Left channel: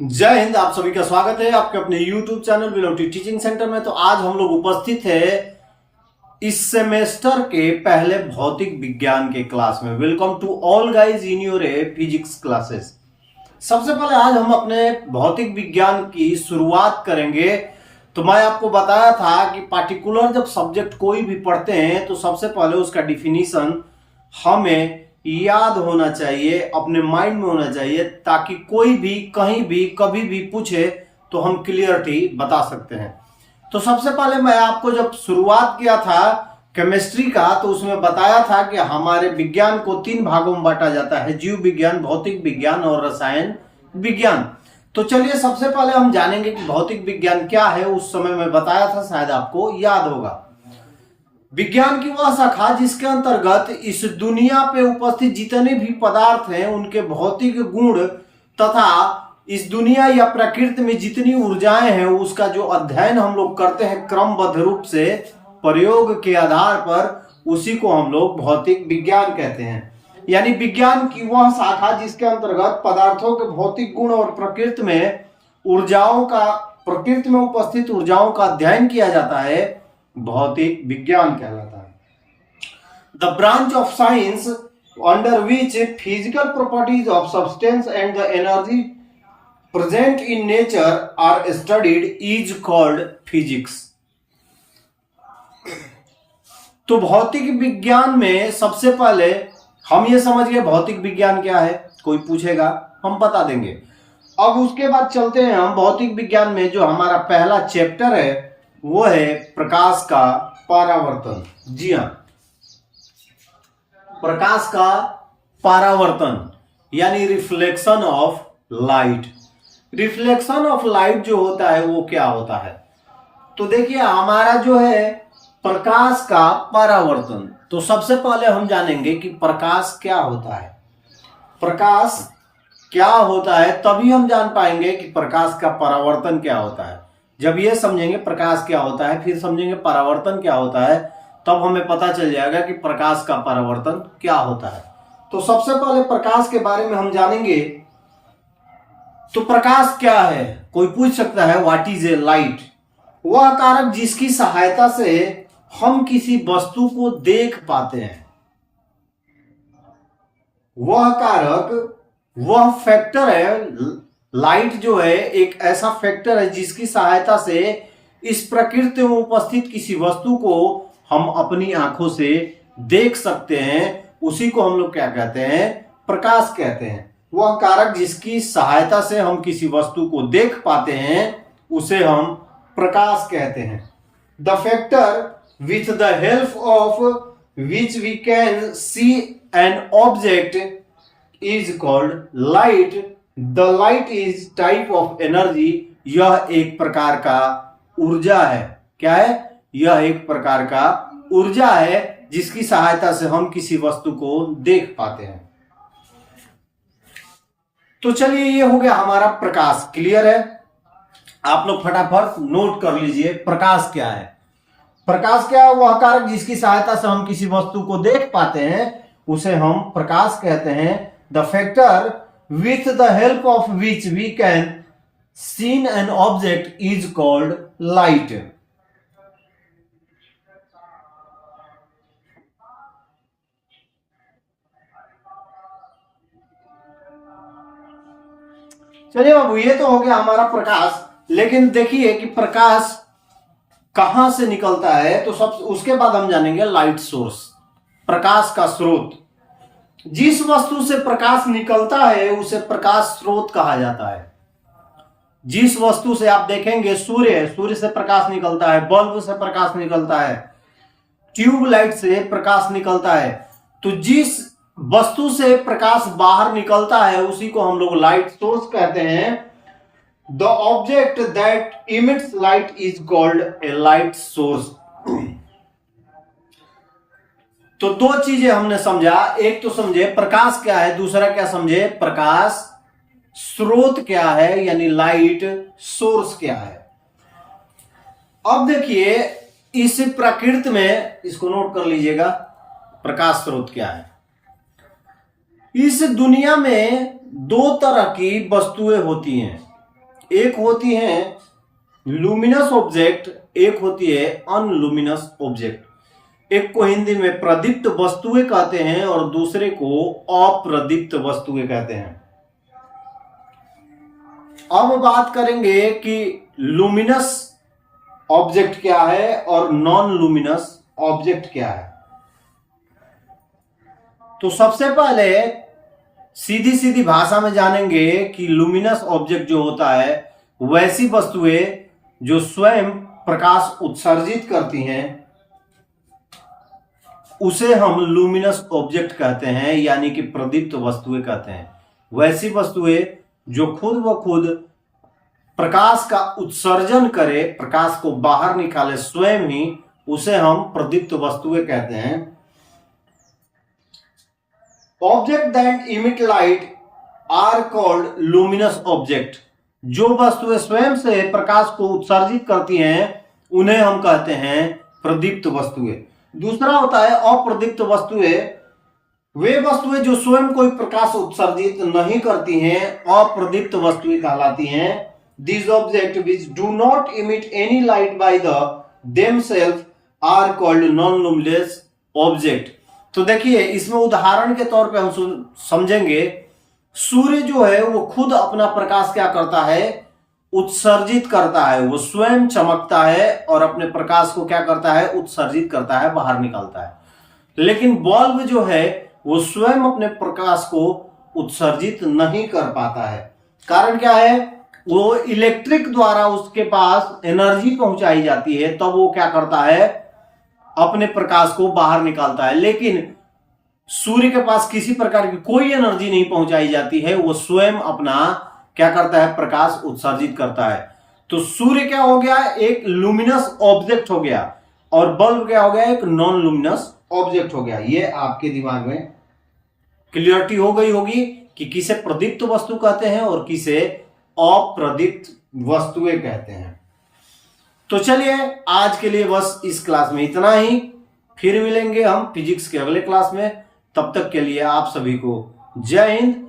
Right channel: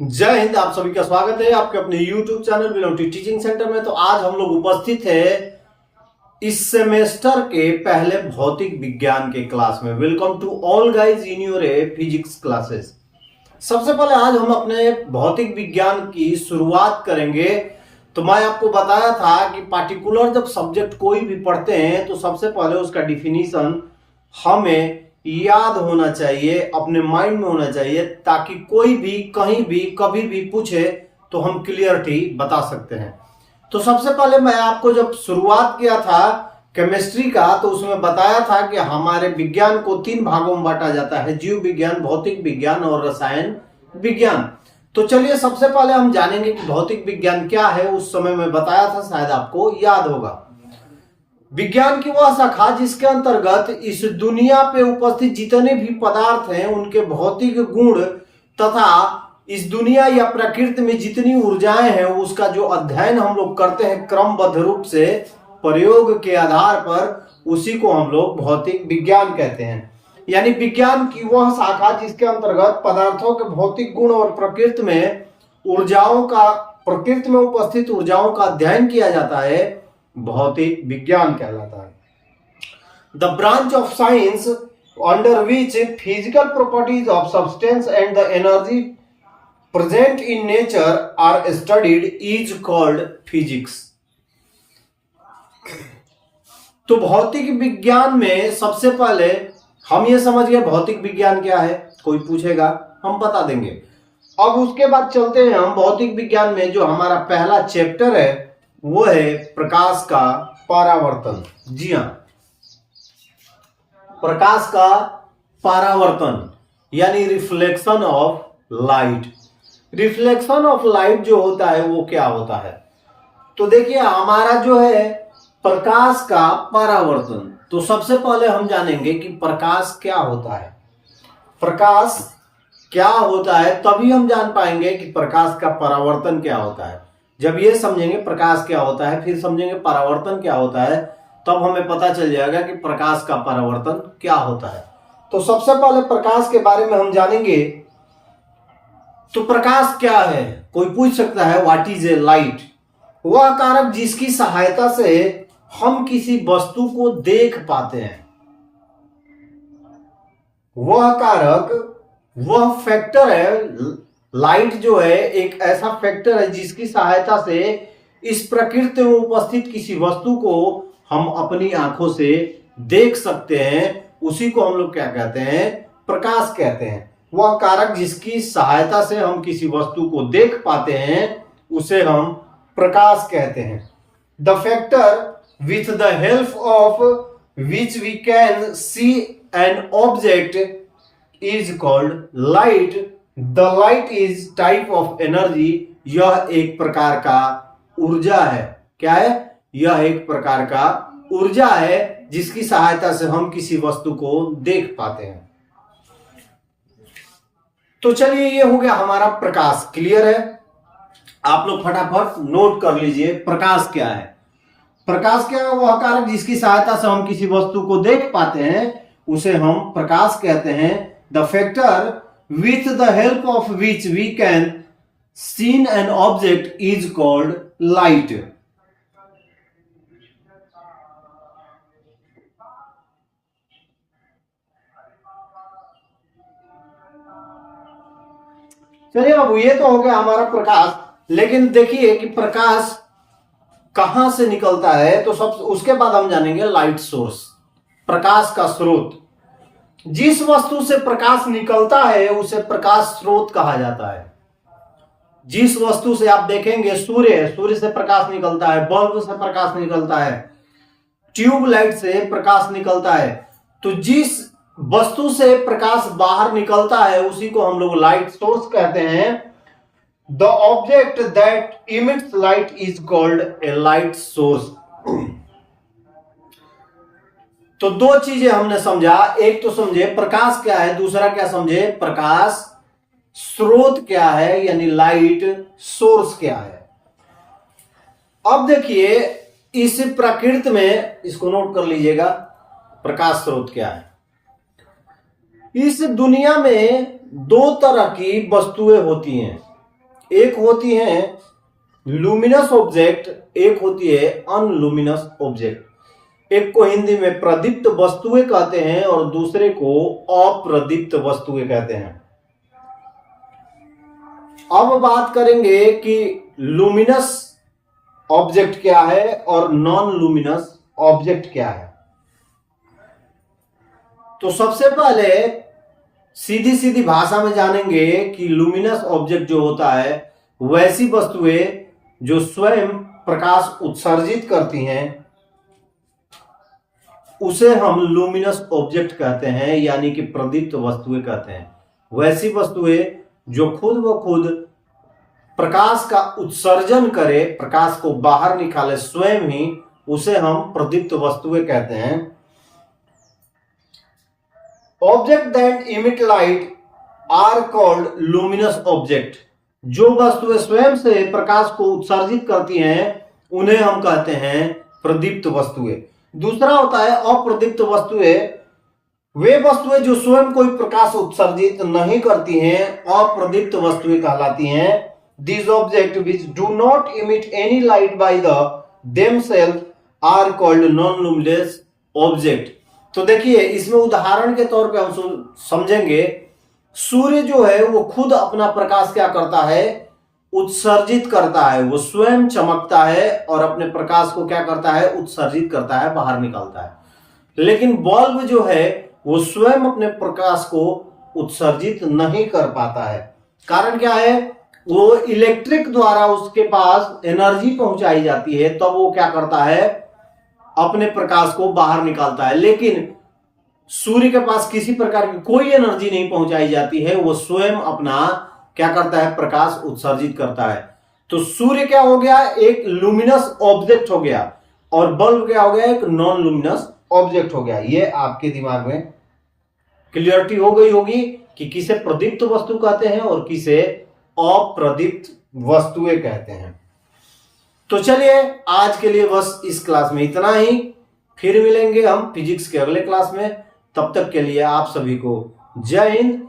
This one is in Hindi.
जय हिंद। आप सभी का स्वागत है आपके अपने YouTube चैनल विनोटी टीचिंग सेंटर में। तो आज हम लोग उपस्थित है इस सेमेस्टर के पहले भौतिक विज्ञान के क्लास में। Welcome to all guys in your physics classes. सबसे पहले आज हम अपने भौतिक विज्ञान की शुरुआत करेंगे। तो मैं आपको बताया था कि पार्टिकुलर जब सब्जेक्ट कोई भी पढ़ते हैं तो सबसे पहले उसका डिफिनीशन हमें याद होना चाहिए, अपने माइंड में होना चाहिए, ताकि कोई भी कहीं भी कभी भी पूछे तो हम क्लियरिटी बता सकते हैं। तो सबसे पहले मैं आपको जब शुरुआत किया था केमिस्ट्री का तो उसमें बताया था कि हमारे विज्ञान को 3 भागों में बांटा जाता है, जीव विज्ञान, भौतिक विज्ञान और रसायन विज्ञान। तो चलिए सबसे पहले हम जानेंगे कि भौतिक विज्ञान क्या है। उस समय मैं बताया था, शायद आपको याद होगा। विज्ञान की वह शाखा जिसके अंतर्गत इस दुनिया पे उपस्थित जितने भी पदार्थ हैं उनके भौतिक गुण तथा इस दुनिया या प्रकृति में जितनी ऊर्जाएं हैं उसका जो अध्ययन हम लोग करते हैं क्रमबद्ध रूप से प्रयोग के आधार पर, उसी को हम लोग भौतिक विज्ञान कहते हैं। यानी विज्ञान की वह शाखा जिसके अंतर्गत पदार्थों के भौतिक गुण और प्रकृति में उपस्थित ऊर्जाओं का अध्ययन किया जाता है, भौतिक विज्ञान कहलाता है। The branch of science under which physical properties of substance and the energy present in nature are studied is called physics. तो भौतिक विज्ञान में सबसे पहले हम ये समझ गए भौतिक विज्ञान क्या है। कोई पूछेगा हम बता देंगे। अब उसके बाद चलते हैं हम भौतिक विज्ञान में जो हमारा पहला चैप्टर है वो है प्रकाश का परावर्तन। जी हां, प्रकाश का परावर्तन यानी reflection of light. Reflection of light जो होता है वो क्या होता है? तो देखिए हमारा जो है प्रकाश का परावर्तन, तो सबसे पहले हम जानेंगे कि प्रकाश क्या होता है। प्रकाश क्या होता है तभी हम जान पाएंगे कि प्रकाश का परावर्तन क्या होता है। जब ये समझेंगे प्रकाश क्या होता है, फिर समझेंगे परावर्तन क्या होता है, तब हमें पता चल जाएगा कि प्रकाश का परावर्तन क्या होता है। तो सबसे पहले प्रकाश के बारे में हम जानेंगे। तो प्रकाश क्या है? कोई पूछ सकता है व्हाट इज ए लाइट? वह कारक जिसकी सहायता से हम किसी वस्तु को देख पाते हैं। वह कारक, वह फैक्टर है। लाइट जो है एक ऐसा फैक्टर है जिसकी सहायता से इस प्रकृति में उपस्थित किसी वस्तु को हम अपनी आंखों से देख सकते हैं। उसी को हम लोग क्या कहते हैं? प्रकाश कहते हैं। वह कारक जिसकी सहायता से हम किसी वस्तु को देख पाते हैं उसे हम प्रकाश कहते हैं। The factor with the help of which we can see an object is called light. The light is type of energy. यह एक प्रकार का ऊर्जा है। क्या है? यह एक प्रकार का ऊर्जा है जिसकी सहायता से हम किसी वस्तु को देख पाते हैं। तो चलिए ये हो गया हमारा प्रकाश। क्लियर है? आप लोग फटाफट नोट कर लीजिए प्रकाश क्या है। प्रकाश क्या है? वह कारक जिसकी सहायता से हम किसी वस्तु को देख पाते हैं उसे हम प्रकाश कहते हैं। The factor with the help of which we can see an object is called light. चलिए बाबू, ये तो हो गया हमारा प्रकाश। लेकिन देखिए कि प्रकाश कहां से निकलता है। तो सब उसके बाद हम जानेंगे लाइट सोर्स, प्रकाश का स्रोत। जिस वस्तु से प्रकाश निकलता है उसे प्रकाश स्रोत कहा जाता है। जिस वस्तु से आप देखेंगे सूर्य से प्रकाश निकलता है, बल्ब से प्रकाश निकलता है, ट्यूबलाइट से प्रकाश निकलता है। तो जिस वस्तु से प्रकाश बाहर निकलता है उसी को हम लोग लाइट सोर्स कहते हैं। The object that emits light is called a light source. तो दो चीजें हमने समझा। एक तो समझे प्रकाश क्या है, दूसरा क्या समझे? प्रकाश स्रोत क्या है, यानी लाइट सोर्स क्या है। अब देखिए इस प्रकृति में, इसको नोट कर लीजिएगा, प्रकाश स्रोत क्या है। इस दुनिया में 2 तरह की वस्तुएं होती हैं। एक होती है लुमिनस ऑब्जेक्ट, एक होती है अनलुमिनस ऑब्जेक्ट। एक को हिंदी में प्रदीप्त वस्तुएं कहते हैं और दूसरे को अप्रदीप्त वस्तुएं कहते हैं। अब बात करेंगे कि लुमिनस ऑब्जेक्ट क्या है और नॉन लुमिनस ऑब्जेक्ट क्या है। तो सबसे पहले सीधी सीधी भाषा में जानेंगे कि लुमिनस ऑब्जेक्ट जो होता है वैसी वस्तुएं जो स्वयं प्रकाश उत्सर्जित करती हैं उसे हम लुमिनस ऑब्जेक्ट कहते हैं, यानी कि प्रदीप्त वस्तुएं कहते हैं। वैसी वस्तुएं जो खुद ब खुद प्रकाश का उत्सर्जन करे, प्रकाश को बाहर निकाले स्वयं ही, उसे हम प्रदीप्त वस्तुएं कहते हैं। Object that emit light are called luminous object. जो वस्तुएं स्वयं से प्रकाश को उत्सर्जित करती हैं उन्हें हम कहते हैं प्रदीप्त वस्तुएं। दूसरा होता है अप्रदीप्त वस्तुएं। वे वस्तुएं जो स्वयं कोई प्रकाश उत्सर्जित नहीं करती हैं अप्रदीप्त वस्तुएं कहलाती हैं। These objects which do not emit any light by themselves are called non-luminous object। तो देखिए इसमें उदाहरण के तौर पे हम समझेंगे, सूर्य जो है वो खुद अपना प्रकाश क्या करता है, उत्सर्जित करता है। वो स्वयं चमकता है और अपने प्रकाश को क्या करता है, उत्सर्जित करता है, बाहर निकालता है। लेकिन बल्ब जो है वो स्वयं अपने प्रकाश को उत्सर्जित नहीं कर पाता है। कारण क्या है, वो इलेक्ट्रिक द्वारा उसके पास एनर्जी पहुंचाई जाती है, तब वो क्या करता है, अपने प्रकाश को बाहर निकालता है। लेकिन सूर्य के पास किसी प्रकार की कोई एनर्जी नहीं पहुंचाई जाती है, वो स्वयं अपना क्या करता है, प्रकाश उत्सर्जित करता है। तो सूर्य क्या हो गया, एक लुमिनस ऑब्जेक्ट हो गया, और बल्ब क्या हो गया, एक नॉन लुमिनस ऑब्जेक्ट हो गया। ये आपके दिमाग में क्लियरिटी हो गई होगी कि किसे प्रदीप्त वस्तु कहते हैं और किसे अप्रदीप्त वस्तुएं कहते हैं। तो चलिए आज के लिए बस इस क्लास में इतना ही। फिर मिलेंगे हम फिजिक्स के अगले क्लास में। तब तक के लिए आप सभी को जय हिंद,